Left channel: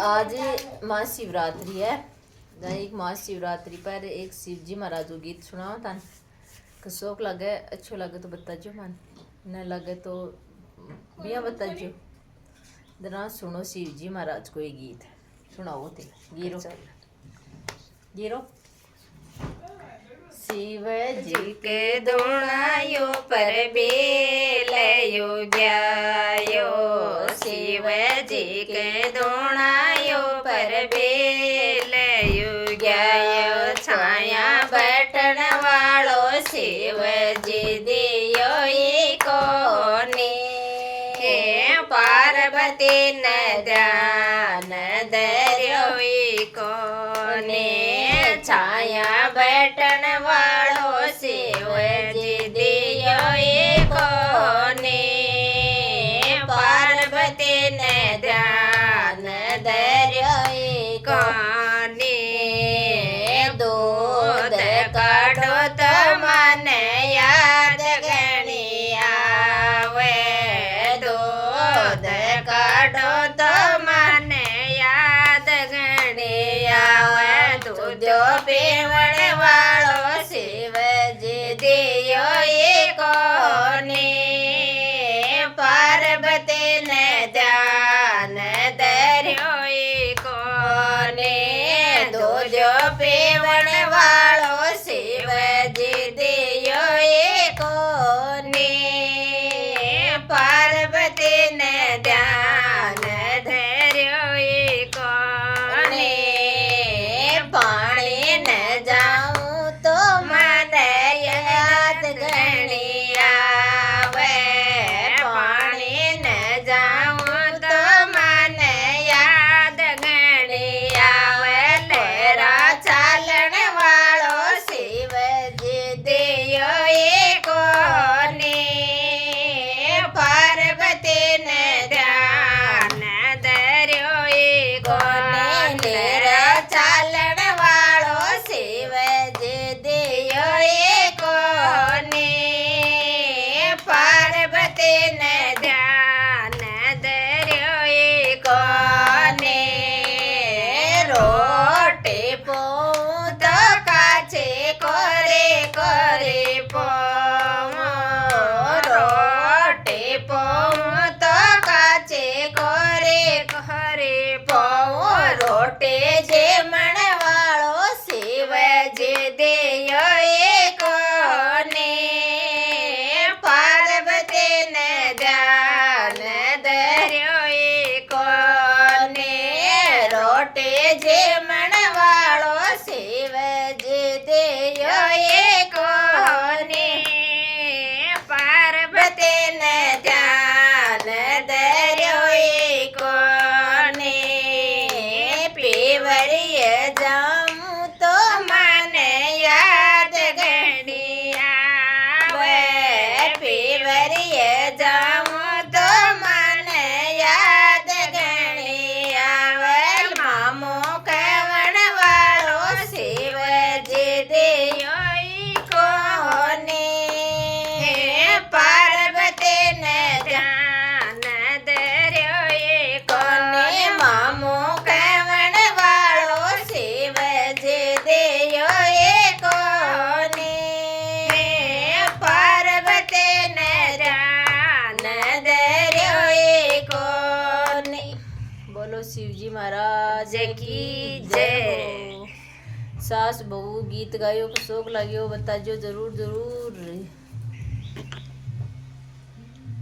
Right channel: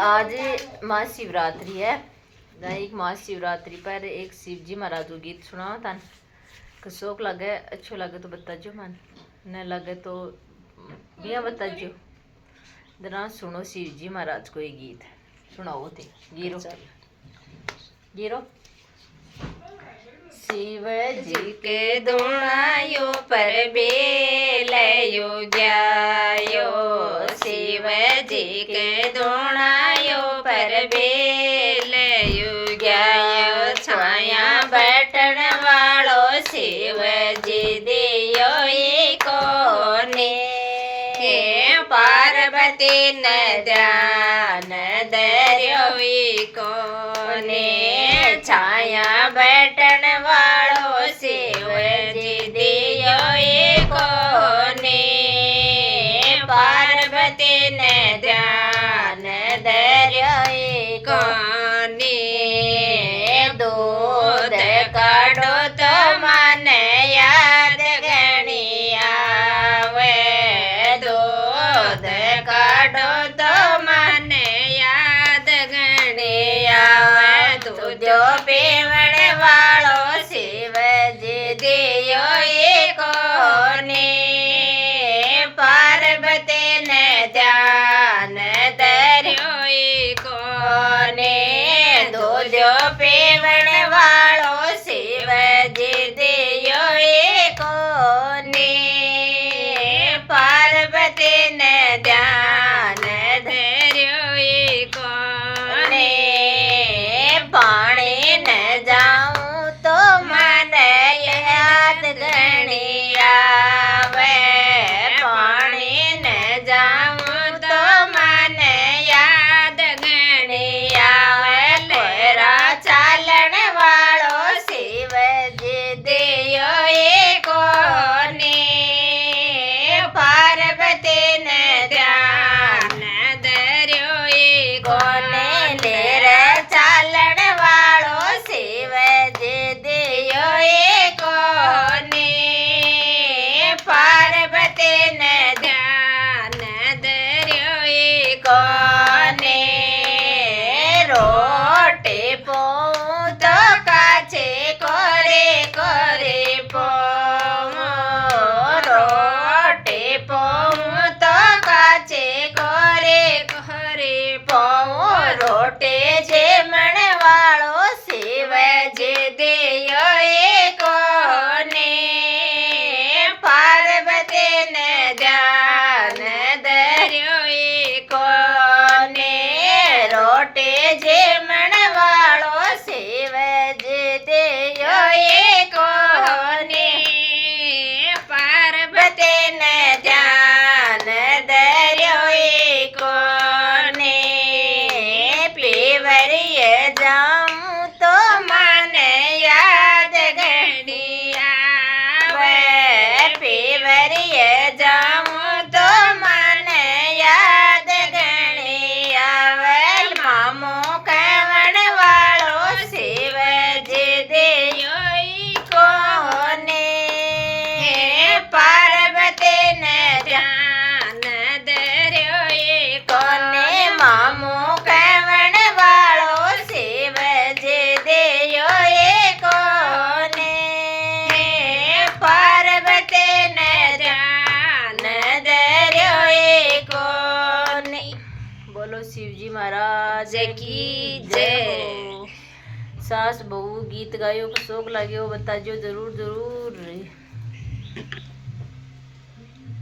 आज महाशिवरात्रि है। एक महाशिवरात्रि पर एक शिव जी महाराज को गीत सुनाओ तन कसोक लगे, अच्छो लगे तो बताजो, मन न लगे तो बिया बताजो। जरा सुनो शिव जी महाराज को ये गीत सुनाओ थे। गिरो गिरो। शिव जी के दोणायो पर बेलयो गयो, शिव जी के दोणायो पर बेलयो गयो, छाया बटन वालो शिव जी दियो कोने, पार्वती न ध्यान धर्यो कोने, छाया बटन वालो शिव जी दियो कोने, पार्वती ने ध्यान धर्यो कोने, दूध काढ़ो तो मन याद गणी आवे, दूध काढ़ो तो मन याद गणी आवे, तुझो पीवण वालो शिव जी दियो कोने, पार्वती ने ध्यान धर्यो कोने, तुझो पीवण वालो शिव जी दियो कोने, पार्वती ने ध्यान धर्यो कोने, पानी न जाऊं तो मन याद गणी आवे, पानी न जाऊं तो मन याद गणी आवे, लोरा चालन वालो शिव जी दियो कोने, पार्वती ने ध्यान धर्यो कोने, लेर चालन वालो शिव जी दियो कोने, पार्वती ने ध्यान धर्यो कोने, रोटी पोऊं तो काचे कोरे कोरे पोऊं, रोटी पोऊं तो काचे कोरे कोरे पोऊं, रोटी जेमण वालो शिव जी दियो कोने, पार्वती ने ध्यान धर्यो कोने, रोटी जेमण वालो शिव जी दियो कोने, पार्वती ने ध्यान धर्यो कोने, पीवरिय जाऊं तो मन याद गणी आवे, पीवरिय जाऊं तो मन याद गणी आवे, मामो कवण वालो शिव जी दियो कोने, पार्वती ने ध्यान धर्यो कोने, मामो कवण वालो शिव जी दियो कोने, पार्वती ने ध्यान धर्यो कोने। बोलो शिव जी महाराज की जय। सास बहू गीत गायो, शौक लाग्यो बताजो जरूर जरूर।